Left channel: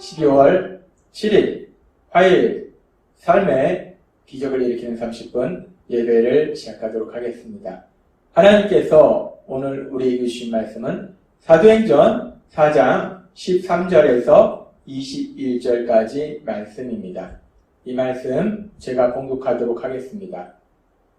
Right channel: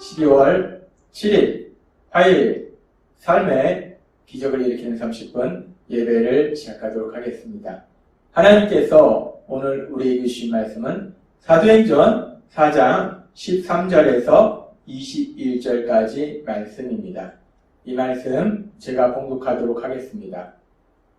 12월 7일 화요일 삶의 기적을 일으키는 30분 예배를 시작하도록 하겠습니다. 하나님께서 오늘 우리에게 주신 말씀은 사도행전 4장 13절에서 21절까지 말씀입니다. 이 말씀 제가 봉독하도록 하겠습니다.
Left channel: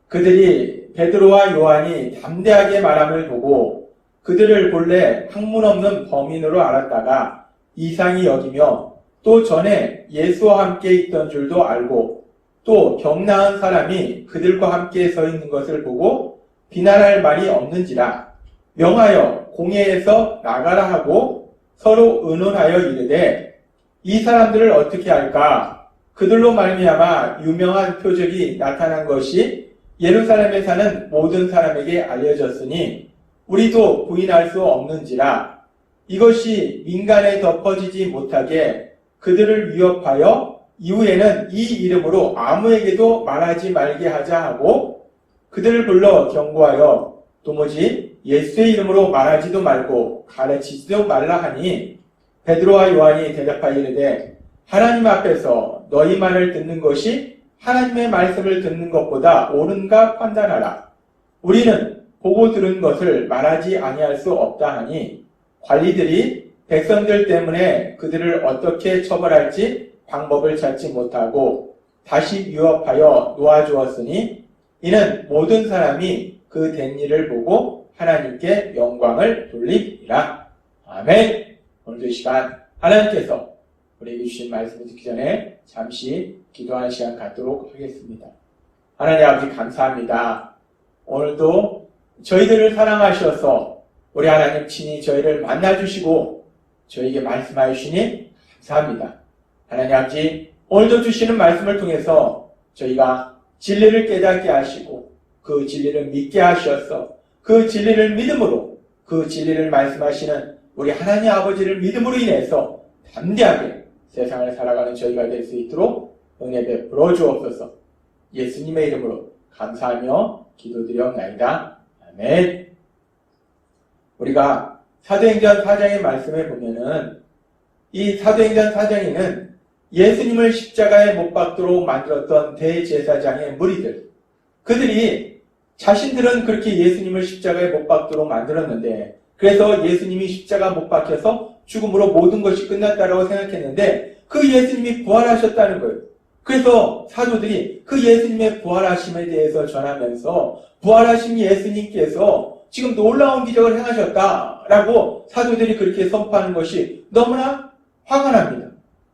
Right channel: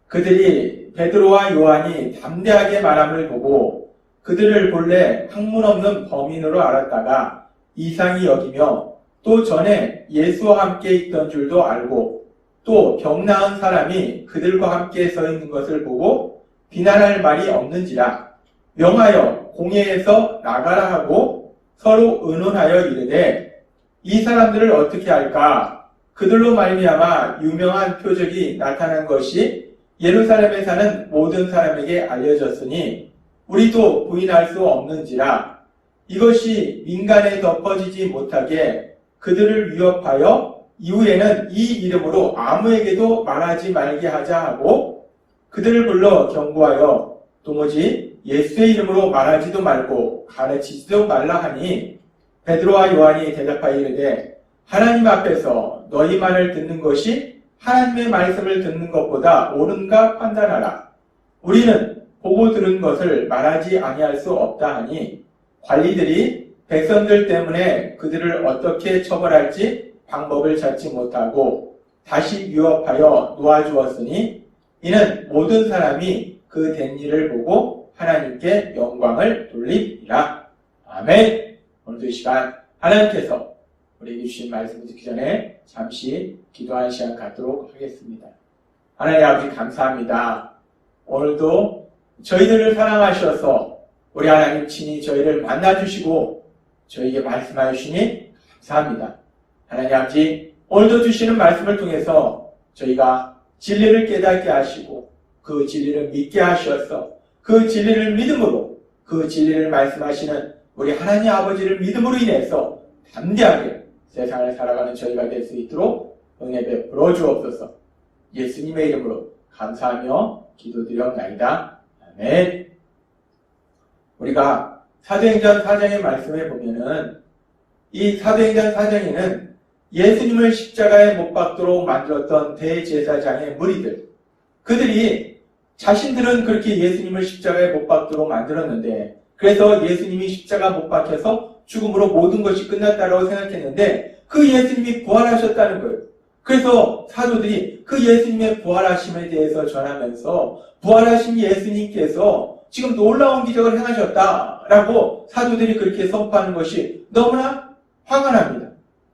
그들이 베드로와 요한이 담대하게 말함을 보고 그들을 본래 학문 없는 범인으로 알았다가 이상히 여기며 또 전에 예수와 함께 있던 줄도 알고 또 병 나은 사람이 그들과 함께 서 있는 것을 보고 비난할 말이 없는지라 명하여 공회에서 나가라 하고 서로 의논하여 이르되 이 사람들을 어떻게 할까? 그들로 말미암아 유명한 표적이 나타난 것이 예루살렘에 사는 모든 사람에게 알려졌으니 우리도 부인할 수 없는지라 이것이 민간에 덮어지지 못하게 그들을 위협하여 이후에는 이 이름으로 아무에게도 말하지 말게 하자 하고 그들을 불러 경고하여 도무지 예수의 이름으로 말하지도 말고 가르치지도 말라 하니 베드로와 요한이 대답하여 이르되 하나님 앞에서 너희 말을 듣는 것이 하나님의 말씀을 듣는 것보다 옳은가 판단하라. 우리는 보고 들은 것을 말하지 아니할 수 없다 하니 관리들이 백성들 때문에 그들을 어떻게 처벌할지 방법을 찾지 못하고 다시 위협하여 놓아주었으니 이는 모든 사람이 그 된 일을 보고 하나님께 영광을 돌리리라. 아멘. 오늘도 이 시간 하나님께서 우리에게 주신 말씀을 듣기 전에 잠시 기도하는 시간 갖도록 하겠습니다. 하나님 아버지 감사합니다. 오늘도 저희들을 사랑하셔서 우리 하나님 친히 저희를 만나주시고 저에게 말씀하여 주시니 감사합니다. 하나님 아버지 오늘도 주시는 말씀을 통해서 저희가 진리를 깨닫게 하시고 그 진리를 믿게 하셔서 그 진리를 믿음으로 그 진리를 말씀하시는 우리 하나님 아버지를 믿음으로 인해서 담대하게 세상을 살아가는 저희가 될 수 있도록 은혜 베풀어 주옵소서. 예수님의 이름으로 감사하며 기도드렸나이다. 아멘. 우리가 사도행전 4장의 말씀에 보면은 이 사도행전 4장에는 예수님을 십자가에 못 박도록 만들었던 대제사장의 무리들, 그들이 자신들은 그렇게 예수님을 십자가에 못 박도록 만들었는데 그래서 예수님이 십자가 못 박혀서 죽음으로 모든 것이 끝났다라고 생각했는데 그 예수님이 부활하셨다는 거예요. 그래서 사도들이 그 예수님의 부활하심에 대해서 전하면서 부활하신 예수님께서 지금 놀라운 기적을 행하셨다라고 사도들이 그렇게 선포하는 것이 너무나 화가 납니다.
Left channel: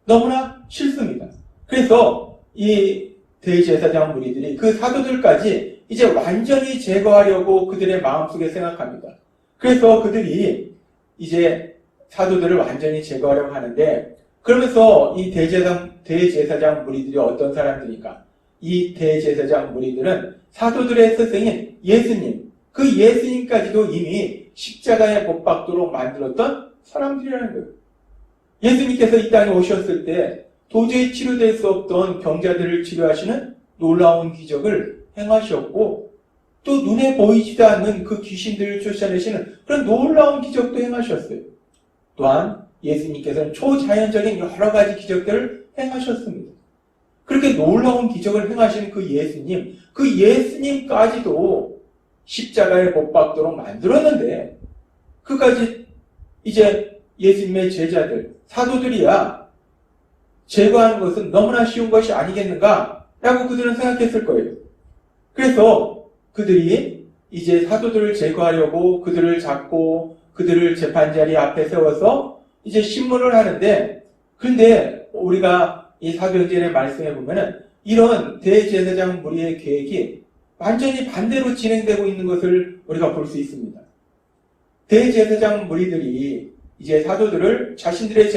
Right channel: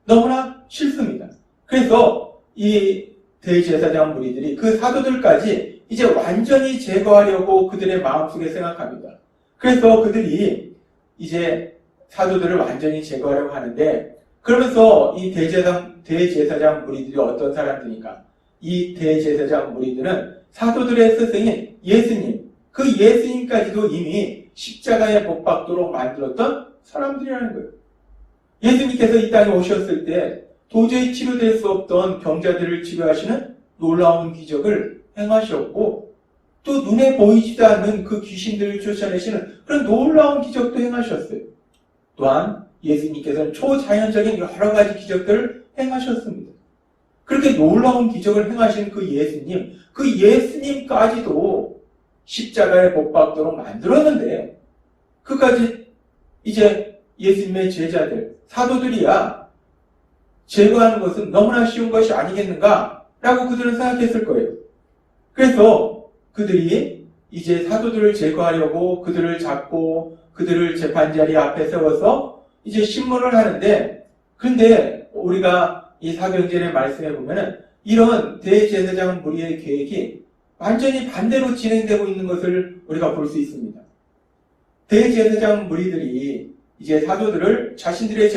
너무나 싫습니다. 그래서 이 대제사장 무리들이 그 사도들까지 이제 완전히 제거하려고 그들의 마음속에 생각합니다. 그래서 그들이 이제 사도들을 완전히 제거하려고 하는데 그러면서 이 대제사장 무리들이 어떤 사람들입니까? 이 대제사장 무리들은 사도들의 스승인 예수님, 그 예수님까지도 이미 십자가에 못 박도록 만들었던 사람들이라는 거예요. 예수님께서 이 땅에 오셨을 때 도저히 치료될 수 없던 병자들을 치료하시는 놀라운 기적을 행하셨고 또 눈에 보이지도 않는 그 귀신들을 쫓아내시는 그런 놀라운 기적도 행하셨어요. 또한 예수님께서는 초자연적인 여러 가지 기적들을 행하셨습니다. 그렇게 놀라운 기적을 행하신 그 예수님까지도 십자가에 못 박도록 만들었는데 그까지 이제 예수님의 제자들, 사도들이야 제거하는 것은 너무나 쉬운 것이 아니겠는가라고 그들은 생각했을 거예요. 그래서 그들이 이제 사도들을 제거하려고 그들을 잡고 그들을 재판자리 앞에 세워서 이제 신문을 하는데 그런데 우리가 이 사도행전의 말씀에 보면은 이런 대제사장 무리의 계획이 완전히 반대로 진행되고 있는 것을 우리가 볼 수 있습니다. 대제사장 무리들이 이제 사도들을 자신들의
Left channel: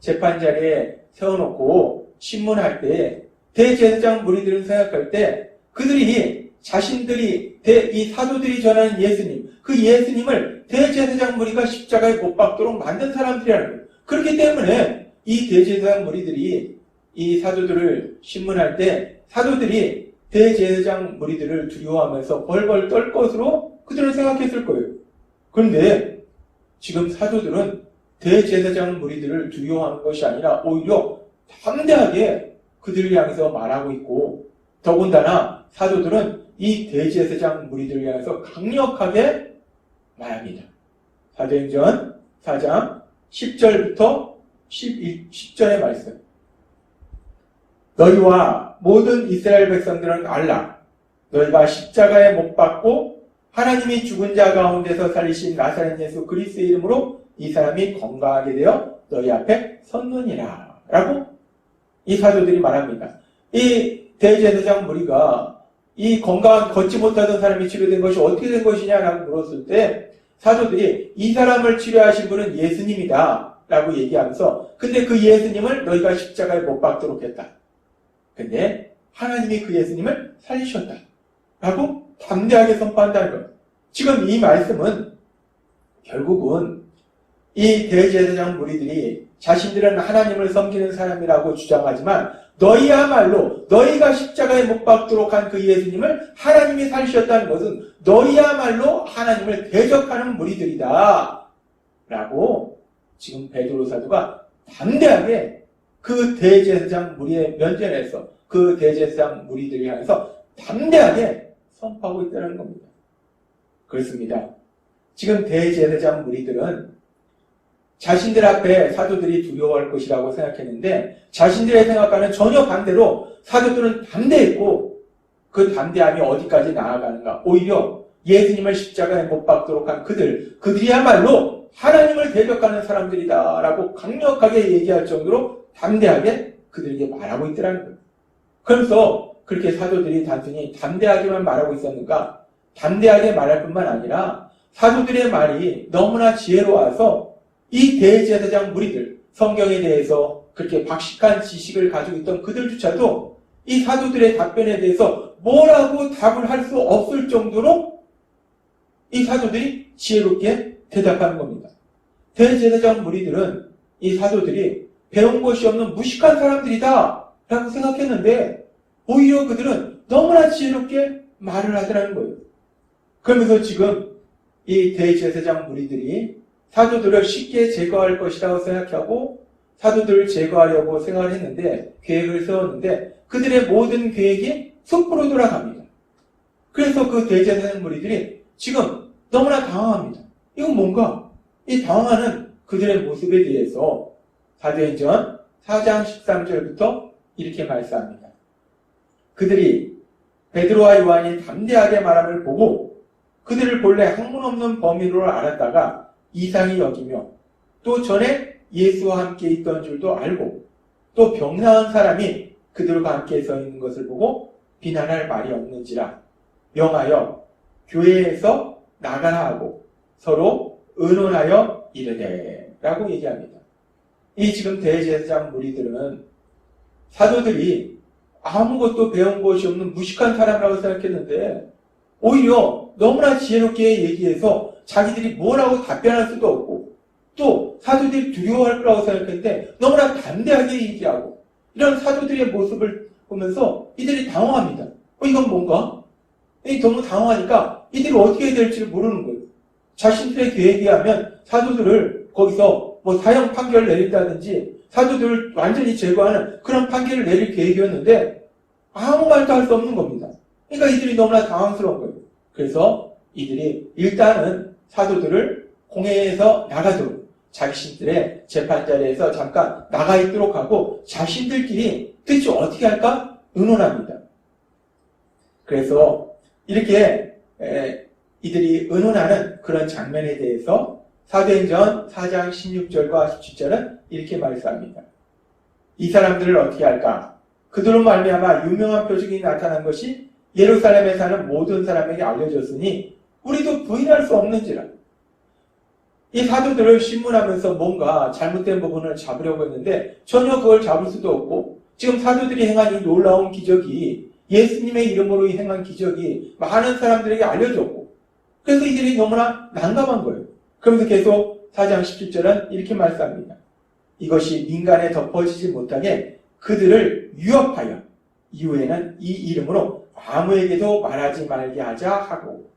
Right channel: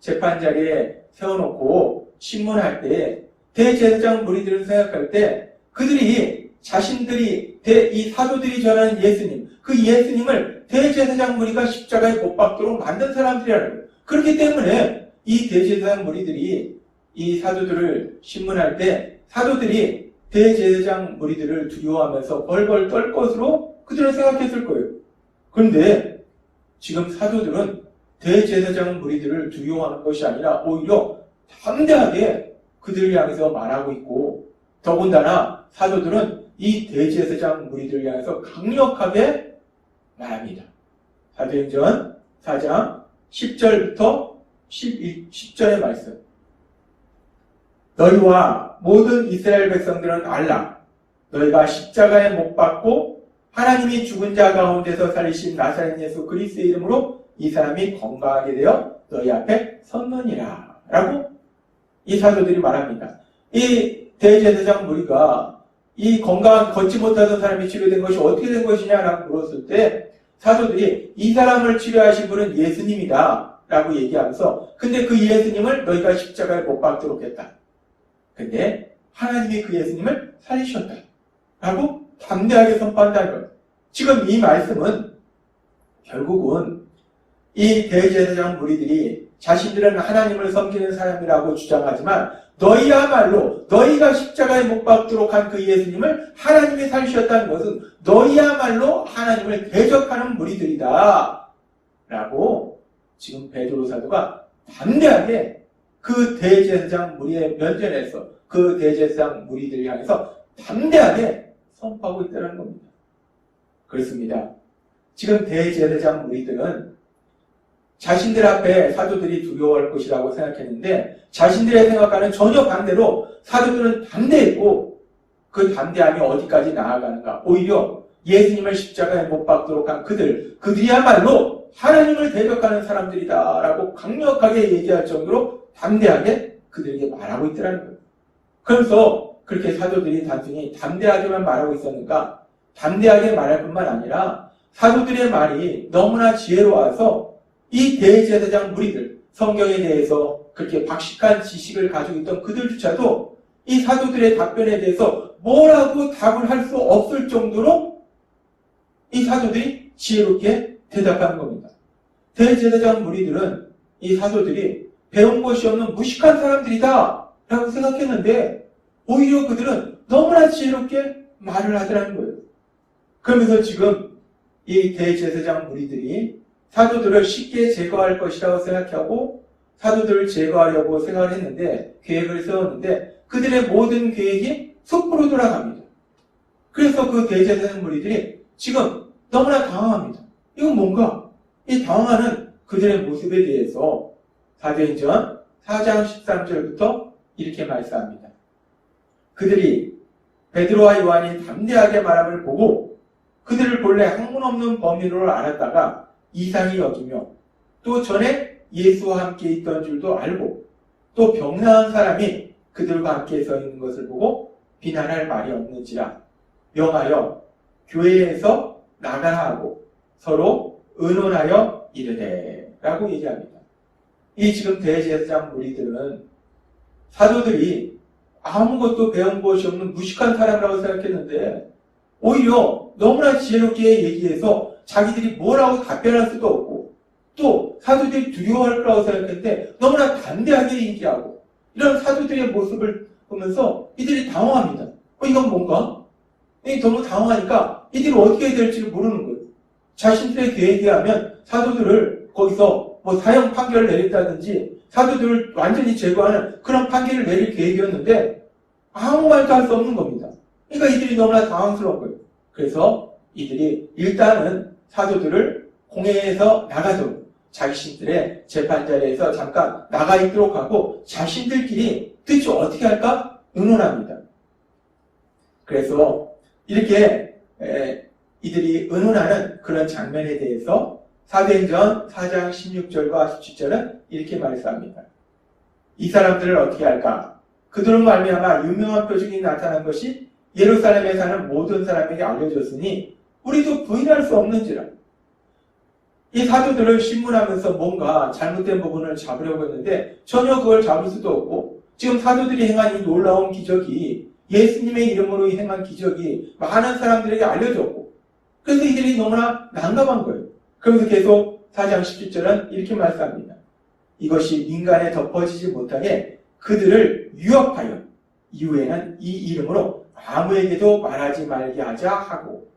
재판자리에 세워놓고 신문할 때 대제사장 무리들은 생각할 때 그들이 자신들이 이 사도들이 전하는 예수님, 그 예수님을 대제사장 무리가 십자가에 못 박도록 만든 사람들이라는 거예요. 그렇기 때문에 이 대제사장 무리들이 이 사도들을 신문할 때 사도들이 대제사장 무리들을 두려워하면서 벌벌 떨 것으로 그들은 생각했을 거예요. 그런데 지금 사도들은 대제사장 무리들을 두려워하는 것이 아니라 오히려 담대하게 그들을 향해서 말하고 있고, 더군다나 사도들은 이 대제사장 무리들을 향해서 강력하게 말합니다. 사도행전 4장 10절부터 10절의 말씀. 너희와 모든 이스라엘 백성들은 알라. 너희가 십자가에 못 박고 하나님이 죽은 자 가운데서 살리신 나사렛 예수 그리스도의 이름으로 이 사람이 건강하게 되어 너희 앞에 섰느니라. 라고 이 사도들이 말합니다. 이 대제사장 무리가 이 건강한 걷지 못하던 사람이 치료된 것이 어떻게 된 것이냐라고 물었을 때 사도들이 이 사람을 치료하신 분은 예수님이다 라고 얘기하면서, 근데 그 예수님을 너희가 십자가에 못 박도록 했다. 근데 하나님이 그 예수님을 살리셨다 라고 담대하게 선포한다는 것. 지금 이 말씀은 결국은 이 대제사장 무리들이 자신들은 하나님을 섬기는 사람이라고 주장하지만 너희야말로 너희가 십자가에 못 박도록 한 그 예수님을 하나님이 살리셨다는 것은 너희야말로 하나님을 대적하는 무리들이다 라고 지금 베드로 사도가 담대하게 그 대제사장 무리의 면전에서 그 대제사장 무리들을 향해서 담대하게 선포하고 있다는 겁니다. 그렇습니다. 지금 대제사장 무리들은 자신들 앞에 사도들이 두려워할 것이라고 생각했는데 자신들의 생각과는 전혀 반대로 사도들은 담대했고, 그 담대함이 어디까지 나아가는가? 오히려 예수님을 십자가에 못 박도록 한 그들이야말로 하나님을 대적하는 사람들이다 라고 강력하게 얘기할 정도로 담대하게 그들에게 말하고 있더라는 거예요. 그래서 그렇게 사도들이 단순히 담대하게만 말하고 있었는가? 담대하게 말할 뿐만 아니라 사도들의 말이 너무나 지혜로워서 이 대제사장 무리들, 성경에 대해서 그렇게 박식한 지식을 가지고 있던 그들조차도 이 사도들의 답변에 대해서 뭐라고 답을 할 수 없을 정도로 이 사도들이 지혜롭게 대답하는 겁니다. 대제사장 무리들은 이 사도들이 배운 것이 없는 무식한 사람들이다 라고 생각했는데 오히려 그들은 너무나 지혜롭게 말을 하더라는 거예요. 그러면서 지금 이 대제사장 무리들이 사도들을 쉽게 제거할 것이라고 생각하고 사도들을 제거하려고 생각을 했는데, 계획을 세웠는데 그들의 모든 계획이 숲으로 돌아갑니다. 그래서 그 대제사장 무리들이 지금 너무나 당황합니다. 이건 뭔가? 이 당황하는 그들의 모습에 대해서 사도행전 4장 13절부터 이렇게 말씀합니다. 그들이 베드로와 요한이 담대하게 말함을 보고 그들을 본래 학문 없는 범인으로 알았다가 이상히 여기며 또 전에 예수와 함께 있던 줄도 알고 또 병나은 사람이 그들과 함께 서 있는 것을 보고 비난할 말이 없는지라 명하여 교회에서 나가라 하고 서로 의논하여 이르되 라고 얘기합니다. 이 지금 대제사장 무리들은 사도들이 아무것도 배운 것이 없는 무식한 사람이라고 생각했는데 오히려 너무나 지혜롭게 얘기해서 자기들이 뭐라고 답변할 수도 없고 또 사도들이 두려워할 거라고 생각했는데 너무나 담대하게 얘기하고, 이런 사도들의 모습을 보면서 이들이 당황합니다. 이건 뭔가? 너무 당황하니까 이들이 어떻게 해야 될지 모르는 거예요. 자신들의 계획에 하면 사도들을 거기서 사형 판결을 내린다든지 사도들을 완전히 제거하는 그런 판결을 내릴 계획이었는데 아무 말도 할 수 없는 겁니다. 그러니까 이들이 너무나 당황스러운 거예요. 그래서 이들이 일단은 사도들을 공회에서 나가도록, 자신들의 재판자리에서 잠깐 나가 있도록 하고 자신들끼리 대체 어떻게 할까 의논합니다. 그래서 이렇게 이들이 의논하는 그런 장면에 대해서 사도행전 4장 16절과 17절은 이렇게 말씀합니다. 이 사람들을 어떻게 할까? 그들로 말미암아 유명한 표적이 나타난 것이 예루살렘에 사는 모든 사람에게 알려졌으니 우리도 부인할 수 없는지라. 이 사도들을 신문하면서 뭔가 잘못된 부분을 잡으려고 했는데 전혀 그걸 잡을 수도 없고, 지금 사도들이 행한 이 놀라운 기적이, 예수님의 이름으로 행한 기적이 많은 사람들에게 알려졌고, 그래서 이들이 너무나 난감한 거예요. 그러면서 계속 4장 17절은 이렇게 말씀합니다. 이것이 민간에 덮어지지 못하게 그들을 유업하여 이후에는 이 이름으로 아무에게도 말하지 말게 하자 하고.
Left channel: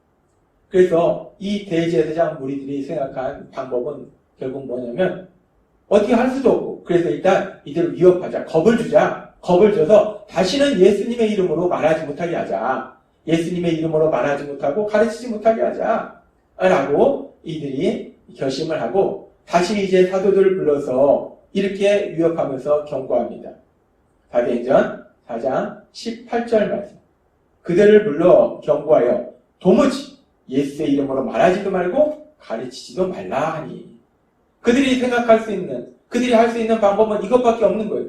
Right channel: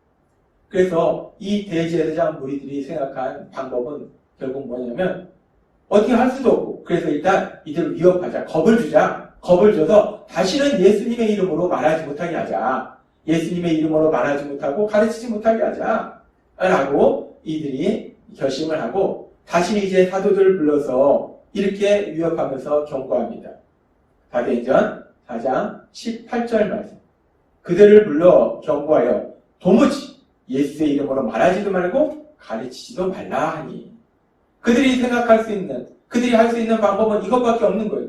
그래서 이 대제사장 무리들이 생각한 방법은 결국 뭐냐면 어떻게 할 수도 없고 그래서 일단 이들을 위협하자. 겁을 주자. 겁을 줘서 다시는 예수님의 이름으로 말하지 못하게 하자. 예수님의 이름으로 말하지 못하고 가르치지 못하게 하자. 라고 이들이 결심을 하고 다시 이제 사도들을 불러서 이렇게 위협하면서 경고합니다. 사도행전 4장 18절 말씀. 그들을 불러 경고하여 도무지 예수의 이름으로 말하지도 말고 가르치지도 말라 하니. 그들이 생각할 수 있는, 그들이 할 수 있는 방법은 이것밖에 없는 거예요.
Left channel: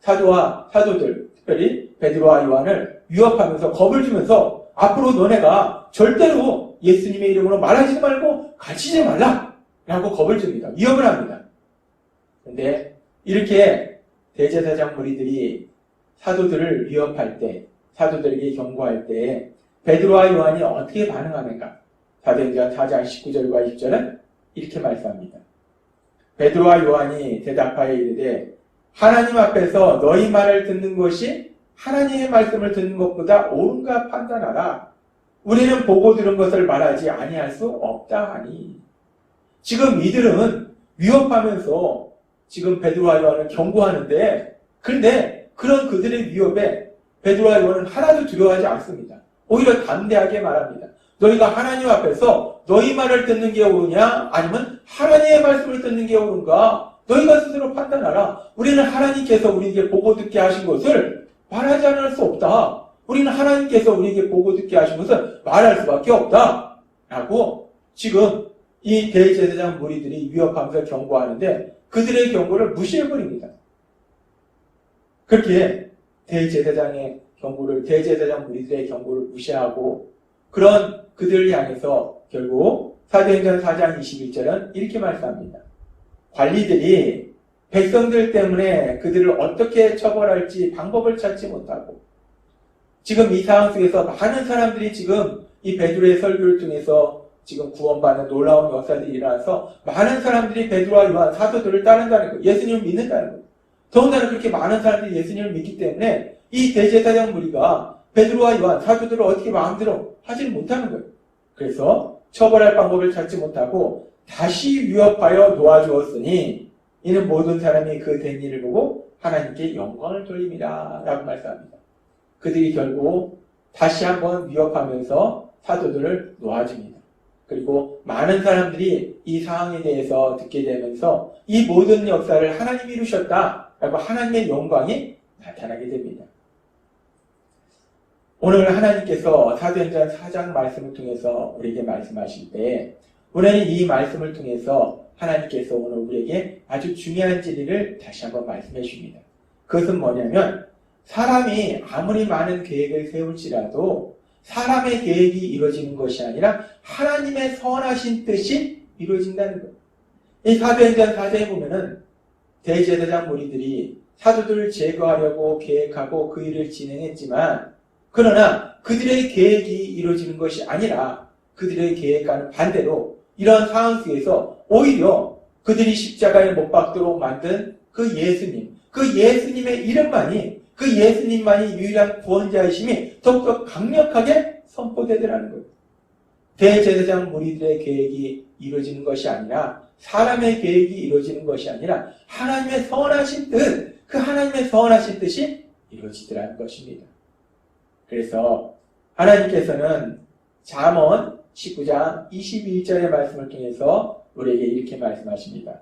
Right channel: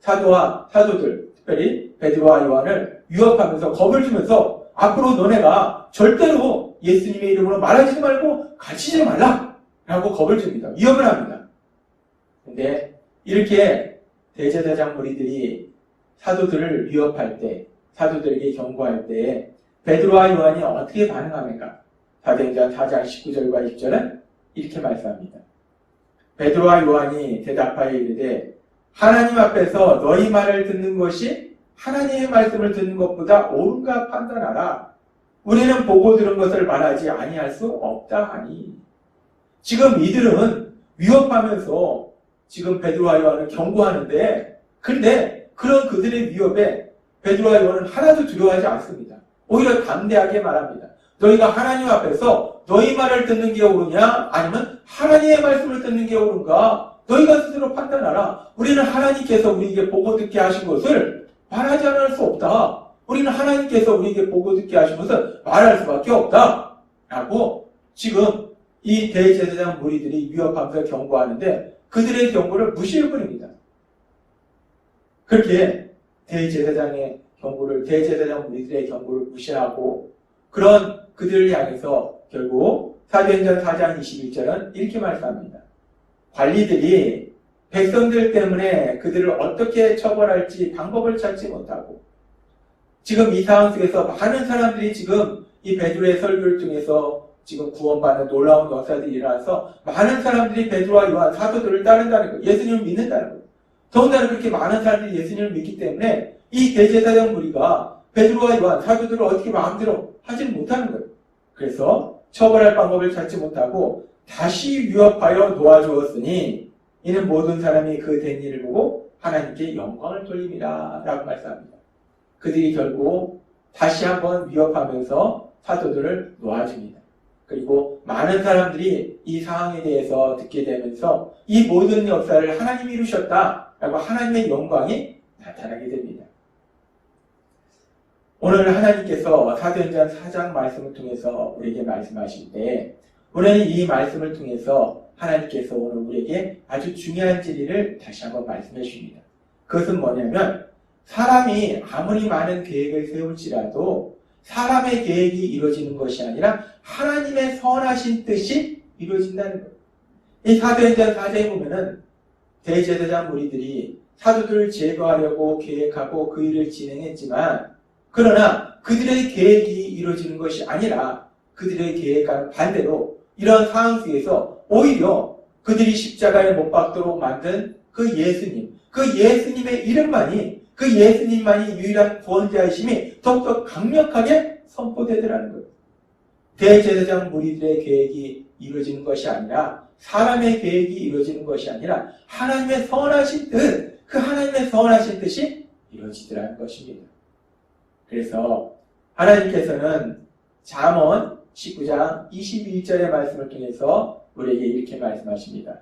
사도들, 특별히 베드로와 요한을 위협하면서 겁을 주면서 앞으로 너네가 절대로 예수님의 이름으로 말하지 말고 가르치지 말라 라고 겁을 줍니다. 위협을 합니다. 근데 이렇게 대제사장 무리들이 사도들을 위협할 때, 사도들에게 경고할 때 베드로와 요한이 어떻게 반응하는가? 사도행전 4장 19절과 20절은 이렇게 말씀합니다. 베드로와 요한이 대답하여 이르되 하나님 앞에서 너희 말을 듣는 것이 하나님의 말씀을 듣는 것보다 옳은가 판단하라. 우리는 보고 들은 것을 말하지 아니할 수 없다 하니. 지금 이들은 위협하면서 지금 베드로와 요한을 경고하는데 그런데 그런 그들의 위협에 베드로와 요한은 하나도 두려워하지 않습니다. 오히려 담대하게 말합니다. 너희가 하나님 앞에서 너희 말을 듣는 게 옳으냐 아니면 하나님의 말씀을 듣는 게 옳은가 너희가 스스로 판단하라. 우리는 하나님께서 우리에게 보고 듣게 하신 것을 말하지 않을 수 없다. 우리는 하나님께서 우리에게 보고 듣게 하신 것을 말할 수밖에 없다. 라고 지금 이 대제사장 무리들이 위협하면서 경고하는데 그들의 경고를 무시해버립니다. 그렇게 대제사장 무리들의 경고를 무시하고 그런 그들을 향해서 결국 사도행전 4장 21절은 이렇게 말씀합니다. 관리들이 백성들 때문에 그들을 어떻게 처벌할지 방법을 찾지 못하고 지금 이 상황 속에서 많은 사람들이 지금 이 베드로의 설교를 통해서 지금 구원받는 놀라운 역사들이 일어나서 많은 사람들이 베드로와 요한 사도들을 따른다는 거예요. 예수님을 믿는다는 거예요. 더군다나 그렇게 많은 사람들이 예수님을 믿기 때문에 이 대제사장 무리가 베드로와 요한 사도들을 어떻게 마음대로 하지는 못하는 거예요. 그래서 처벌할 방법을 찾지 못하고 다시 위협하여 놓아주었으니 이는 모든 사람이 그 된 일을 보고 하나님께 영광을 돌립니다. 라고 말씀합니다. 그들이 결국 다시 한번 위협하면서 사도들을 놓아줍니다. 그리고 많은 사람들이 이 상황에 대해서 듣게 되면서 이 모든 역사를 하나님이 이루셨다 라고 하나님의 영광이 나타나게 됩니다. 오늘 하나님께서 사도행전 4장 말씀을 통해서 우리에게 말씀하실 때 우리는 이 말씀을 통해서 하나님께서 오늘 우리에게 아주 중요한 진리를 다시 한번 말씀해 주십니다. 그것은 뭐냐면 사람이 아무리 많은 계획을 세울지라도 사람의 계획이 이루어지는 것이 아니라 하나님의 선하신 뜻이 이루어진다는 것. 이 사도행전 4장에 보면은 대제사장 무리들이 사도들을 제거하려고 계획하고 그 일을 진행했지만 그러나 그들의 계획이 이루어지는 것이 아니라 그들의 계획과는 반대로 이런 상황 속에서 오히려 그들이 십자가에 못 박도록 만든 그 예수님의 이름만이 그 예수님만이 유일한 구원자이심이 더욱더 강력하게 선포되더라는 거예요. 대제사장 무리들의 계획이 이루어지는 것이 아니라 사람의 계획이 이루어지는 것이 아니라 하나님의 선하신 뜻, 그 하나님의 선하신 뜻이 이루어지더라는 것입니다. 그래서 하나님께서는 잠언 19장 22절의 말씀을 통해서 우리에게 이렇게 말씀하십니다.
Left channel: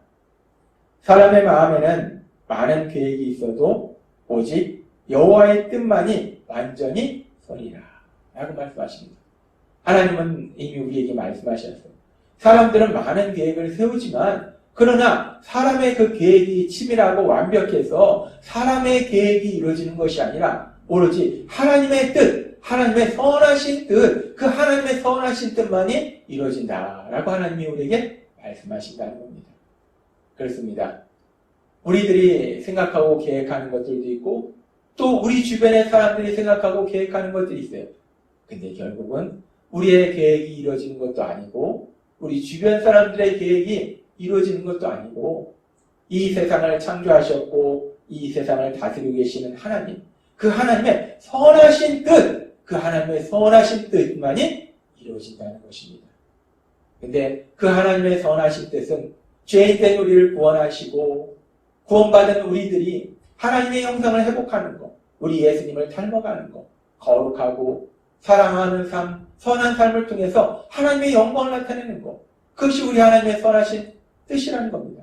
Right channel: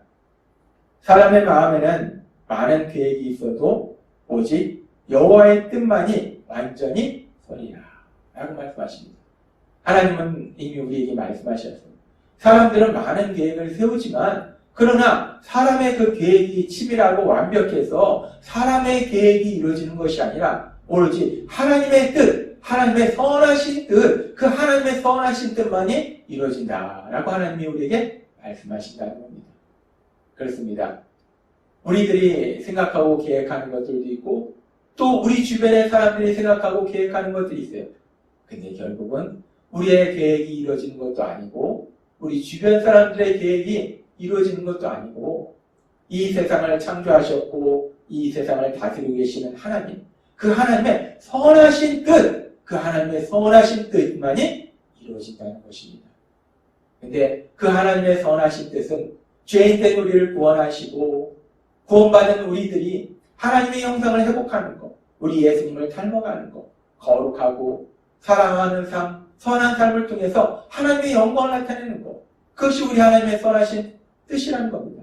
사람의 마음에는 많은 계획이 있어도 오직 여호와의 뜻만이 완전히 서리라 라고 말씀하십니다. 하나님은 이미 우리에게 말씀하셨어요. 사람들은 많은 계획을 세우지만 그러나 사람의 그 계획이 치밀하고 완벽해서 사람의 계획이 이루어지는 것이 아니라 오로지 하나님의 뜻, 하나님의 선하신 뜻, 그 하나님의 선하신 뜻만이 이루어진다라고 하나님이 우리에게 말씀하신다는 겁니다. 그렇습니다. 우리들이 생각하고 계획하는 것들도 있고 또 우리 주변의 사람들이 생각하고 계획하는 것들이 있어요. 근데 결국은 우리의 계획이 이루어지는 것도 아니고 우리 주변 사람들의 계획이 이루어지는 것도 아니고 이 세상을 창조하셨고 이 세상을 다스리고 계시는 하나님, 그 하나님의 선하신 뜻, 그 하나님의 선하신 뜻만이 이루어진다는 것입니다. 근데 그 하나님의 선하신 뜻은 죄인된 우리를 구원하시고 구원받은 우리들이 하나님의 형상을 회복하는 것, 우리 예수님을 닮아가는 것, 거룩하고 사랑하는 삶, 선한 삶을 통해서 하나님의 영광을 나타내는 것, 그것이 우리 하나님의 선하신 뜻이라는 겁니다.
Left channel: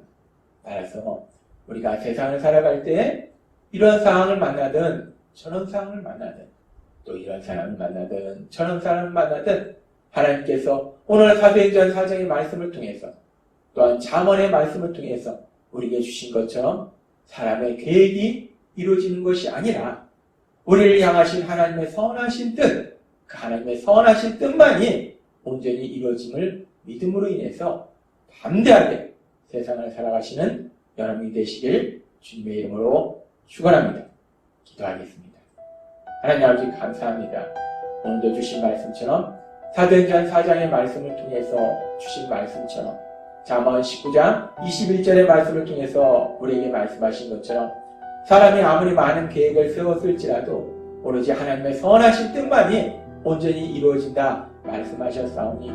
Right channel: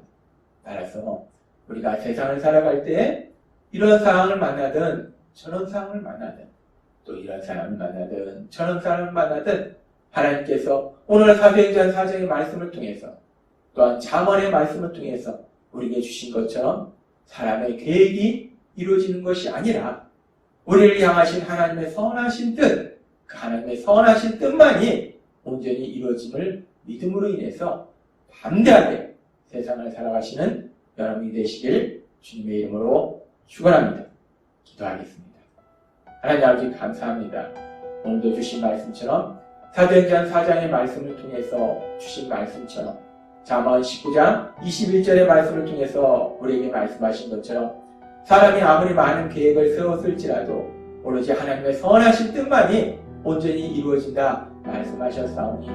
따라서 우리가 세상을 살아갈 때 이런 상황을 만나든 저런 상황을 만나든 또 이런 사람을 만나든 저런 사람을 만나든 하나님께서 오늘 사도행전 4장의 말씀을 통해서 또한 잠언의 말씀을 통해서 우리에게 주신 것처럼 사람의 계획이 이루어지는 것이 아니라 우리를 향하신 하나님의 선하신 뜻, 그 하나님의 선하신 뜻만이 온전히 이루어짐을 믿음으로 인해서 담대하게 세상을 살아가시는 여러분이 되시길 주님의 이름으로 축원합니다. 기도하겠습니다. 하나님 아버지 감사합니다. 오늘도 주신 말씀처럼 사도행전 4장의 말씀을 통해서 주신 말씀처럼 잠언 19장 21절의 말씀을 통해서 우리에게 말씀하신 것처럼 사람이 아무리 많은 계획을 세웠을지라도 오로지 하나님의 선하신 뜻만이 온전히 이루어진다 말씀하셨사오니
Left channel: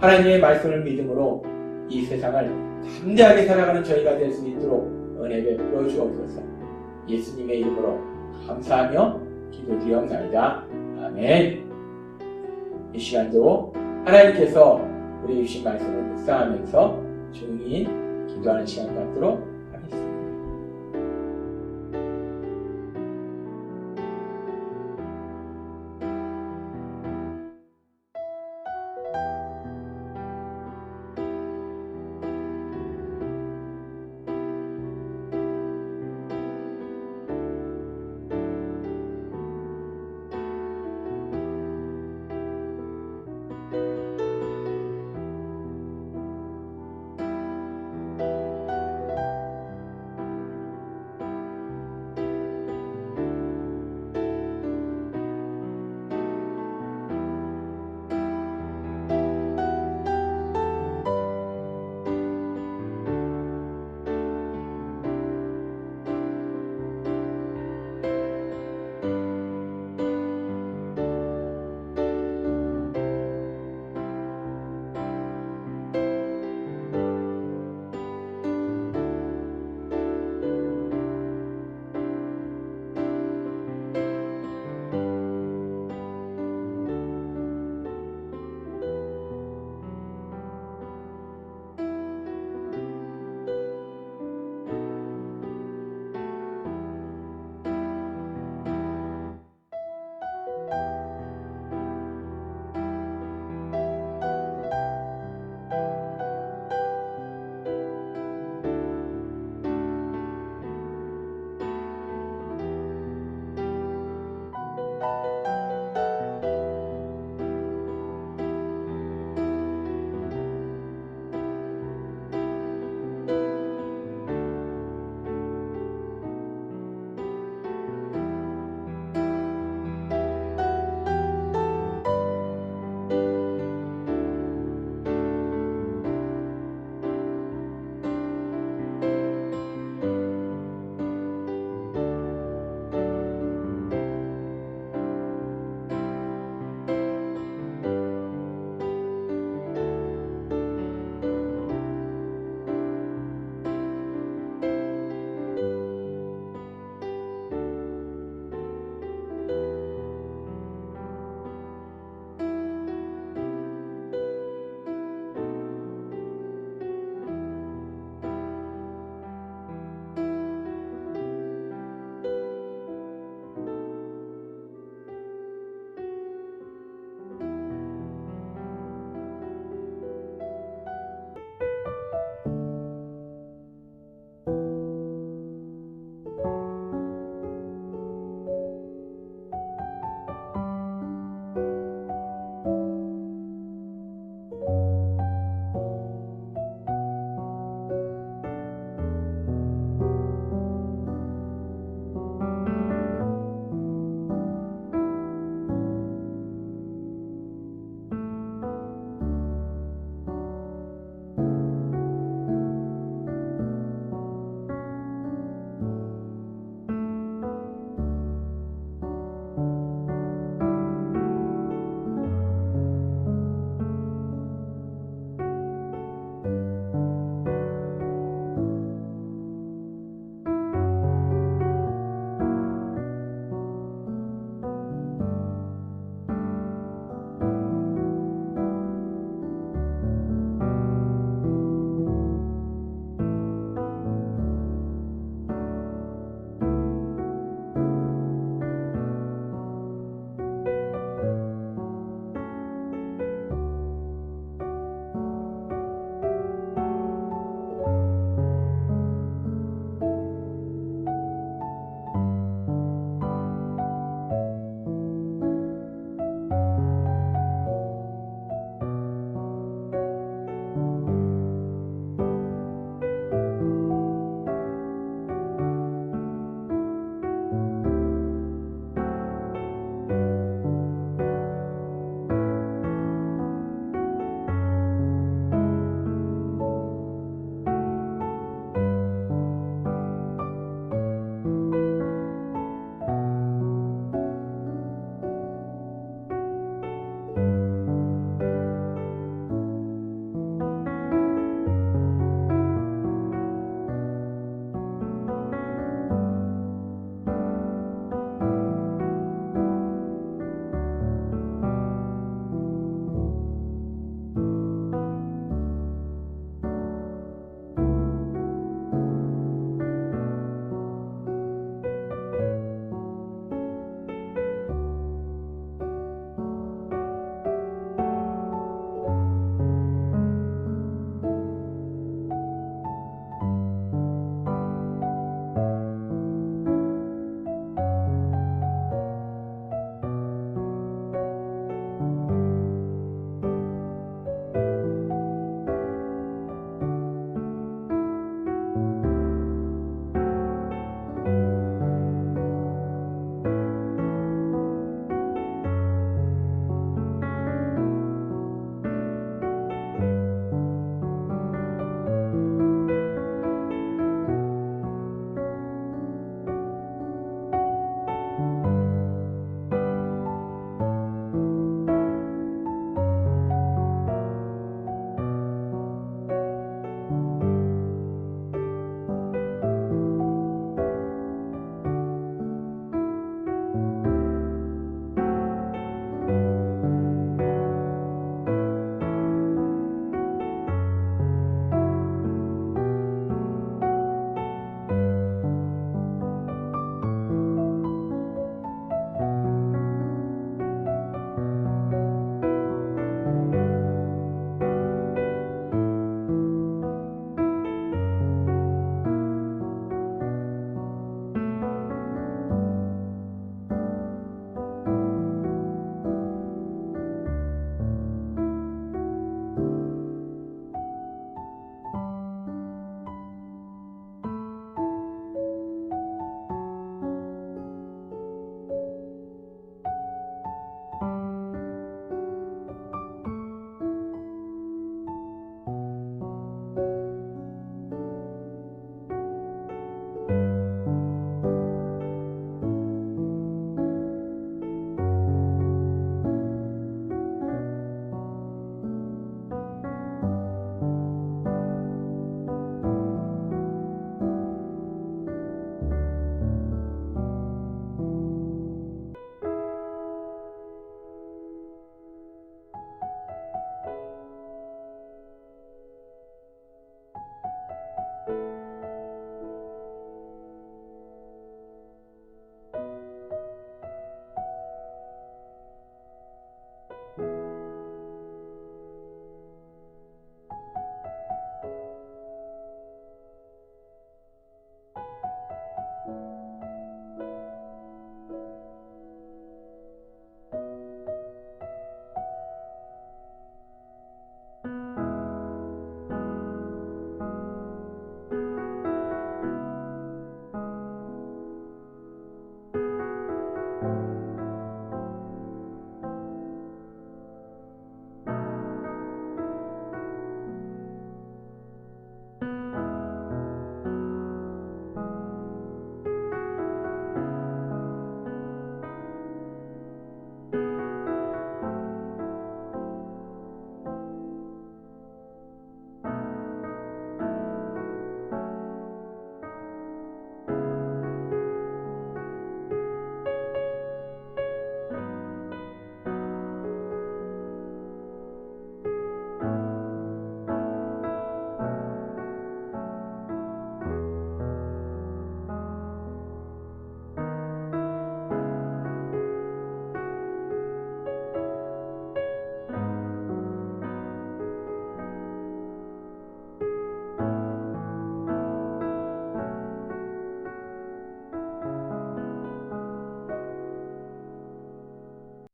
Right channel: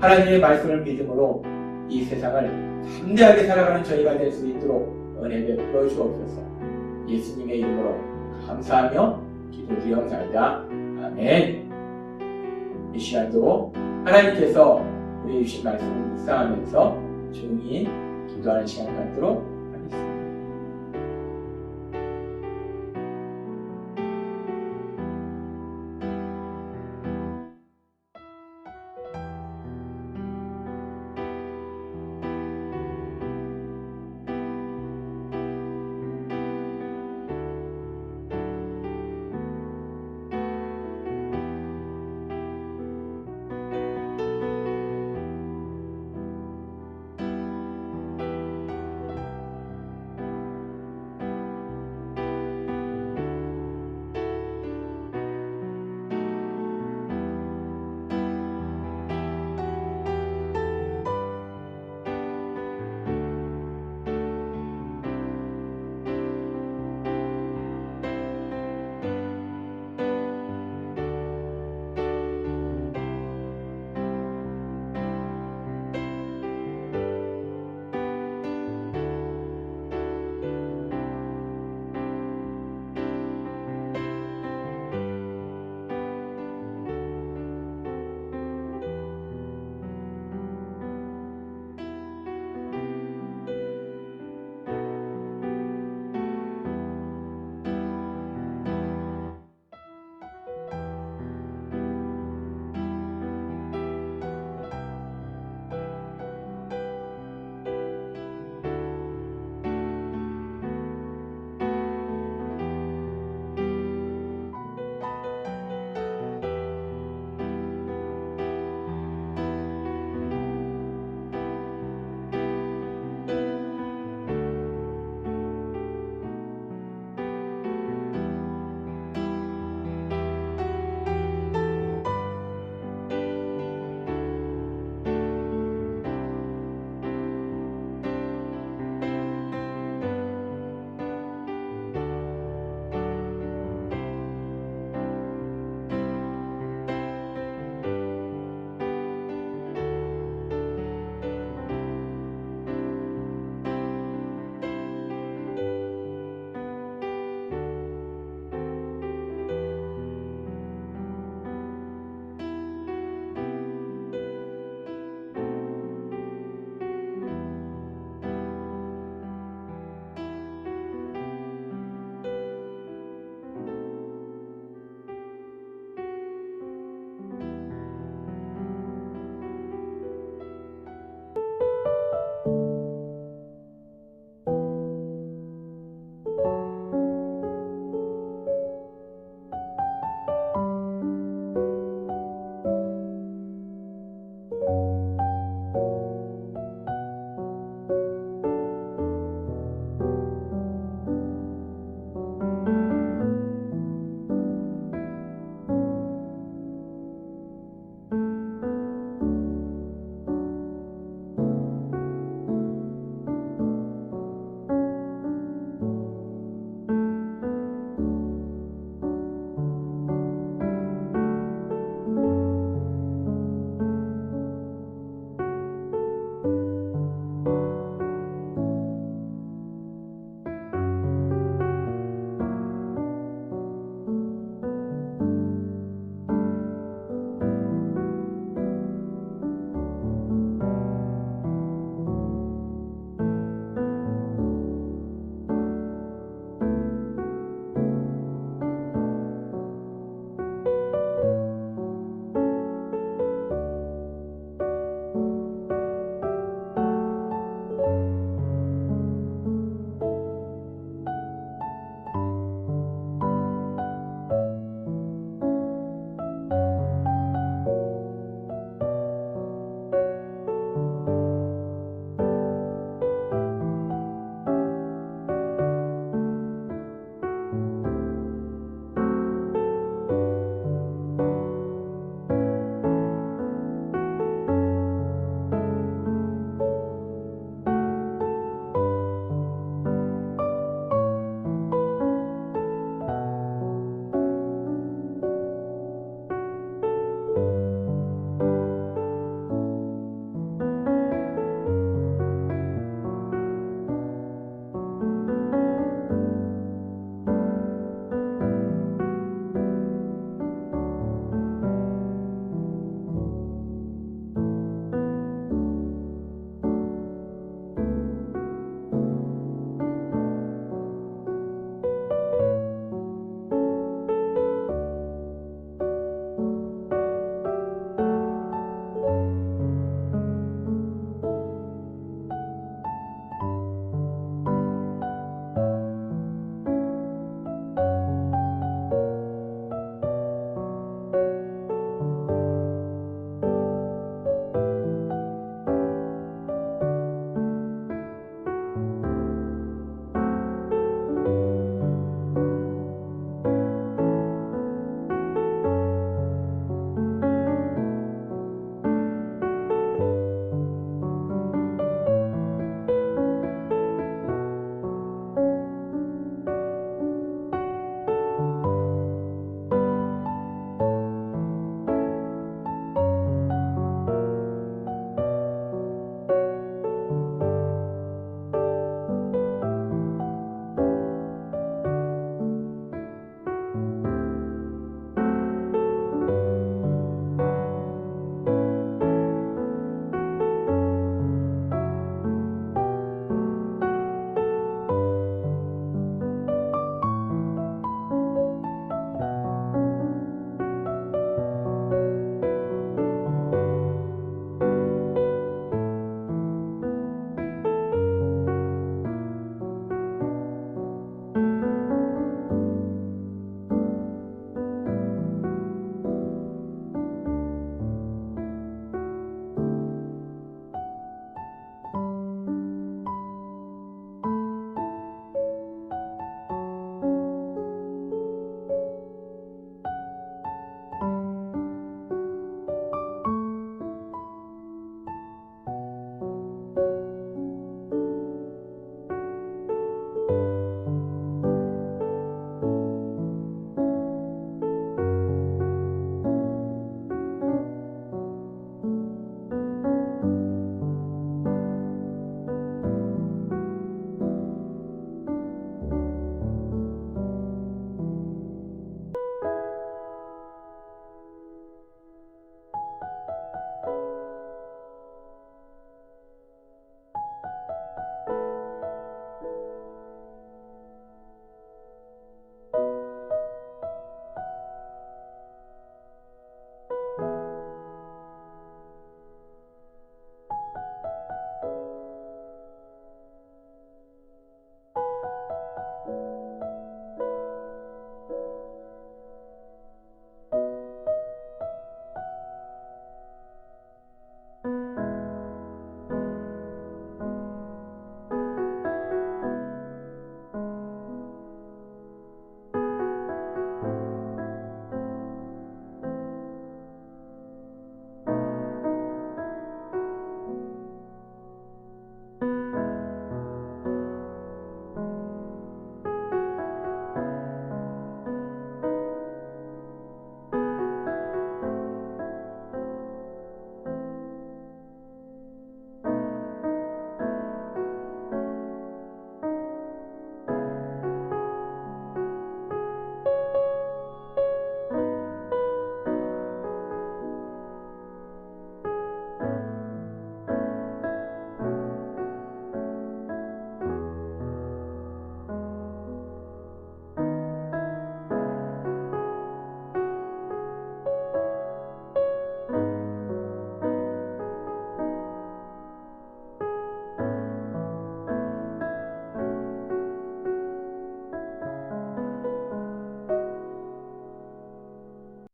하나님의 말씀을 믿음으로 이 세상을 담대하게 살아가는 저희가 될 수 있도록 은혜 베풀어 주옵소서. 예수님의 이름으로 감사하며 기도드리옵나이다. 아멘. 이 시간도 하나님께서 우리 주신 말씀을 묵상하면서 조용히 기도하는 시간 갖도록 하겠습니다.